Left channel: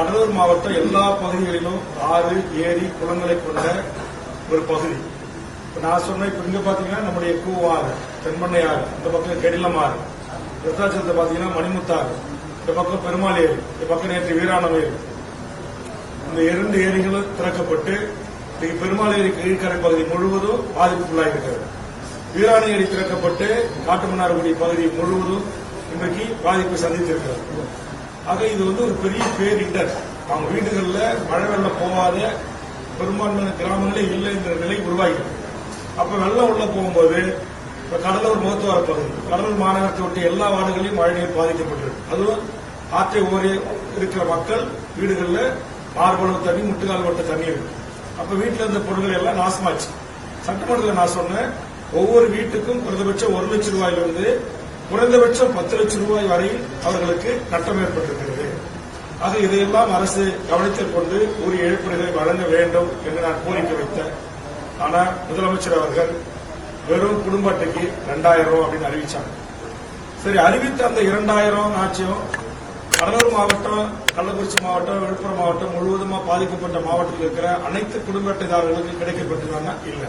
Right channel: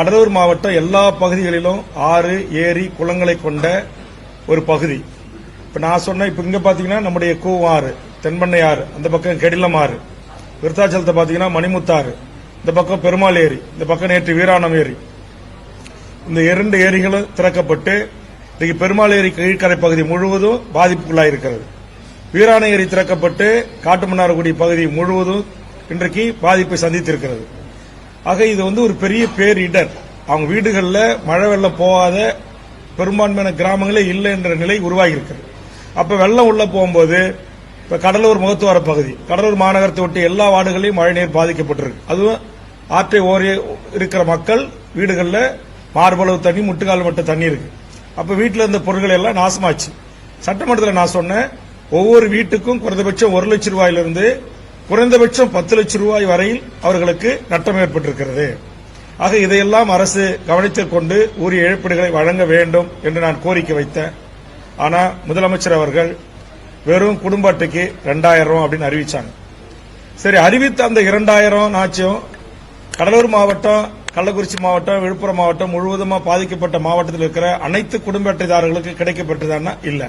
கடலூர் மாவட்டம் எல்லா பகுதிகளிலும் ஆறு, ஏரி, குளங்களை கொண்ட ஒரு பகுதி. இப்ப நான் சொன்ன இப்ப இங்க பாத்தீங்கன்னா நம்முடைய கூவாறு, தென்பண்ணை ஆறு, இந்த பக்கம் கெடிலம் ஆறு, விருத்தாச்சலத்தை பாத்தீங்கன்னா மணிமுத்தாறு, இந்த பக்கம் பெருமாள் ஏரி, இந்த பக்கம் நேற்று வீராணம் ஏரி. இந்த 2 ஏரிகளும் திறக்கப்பட்டு இன்றைக்கு பெருமாள் ஏரி கீழ்கரை பகுதி முழுவதும் பாதிப்புக்குள்ளாயிருக்கிறது. வீராண ஏரி திறக்கப்பட்டு காட்டுமன்னார்குடி பகுதி முழுவதும் இன்றைக்கு பாதிப்பை சந்தித்திருக்கிறது. ஆக இது ஒரு பெரிய பேரிடர். அவங்க வீடுகளில் மழை வெள்ளம் போகாத பெரும்பான்மையான கிராமங்களே இல்லை என்ற நிலை உருவாகியிருக்கு. அப்ப வெள்ளம் உள்ள போகும்போது இப்ப கடலூர் முகத்துவார பகுதி, கடலூர் மாநகரத்தை ஒட்டி எல்லா வார்டுகளையும் மழைநீர் பாதிக்கப்பட்டிருக்கு. அதுவும் ஆற்றை ஓரே இருக்கிற மக்கள் வீடுகளில் மார்பளவு தண்ணி, முட்டுக்கால் மட்ட தண்ணி இருக்கு. அப்ப வீட்டில் இருந்த பொருட்கள் எல்லாம் நாசமாச்சு. சட்டமன்றத்தில் நான் சொன்னேன், ஒவ்வொரு வீட்டுக்கும் குறைந்தபட்சம் 1 லட்சம் ரூபாயிலிருந்து குறைந்தபட்சம் 10 லட்சம் ரூபாய் வரையில் அவர்களுக்கு நட்டம் ஏற்பட்டிருக்கிறது. ஆக இதையெல்லாம் அரசு கவனத்தில் கொண்டு உரிய இழப்பீடுகளை வழங்க வேண்டும் என்று நான் கோரிக்கை வைத்தேன். ஆனா முதலமைச்சர் அவர்கள் வெறும் குடும்ப அட்டைக்கு 2000 ரூபாய் அப்படின்னு அறிவிச்சாங்க. சரி, அறிவித்த அந்த 2000 ஆச்சும் கடலூர் மாவட்டம், கள்ளக்குறிச்சி மாவட்டம், விழுப்புரம் மாவட்டம் முழுவதுமா பாதிக்கப்பட்ட மாவட்டத்தில் இருக்கிற அனைத்து குடும்ப அட்டைதாரர்களுக்கு கிடைக்கப்பட்டதானா? இல்ல.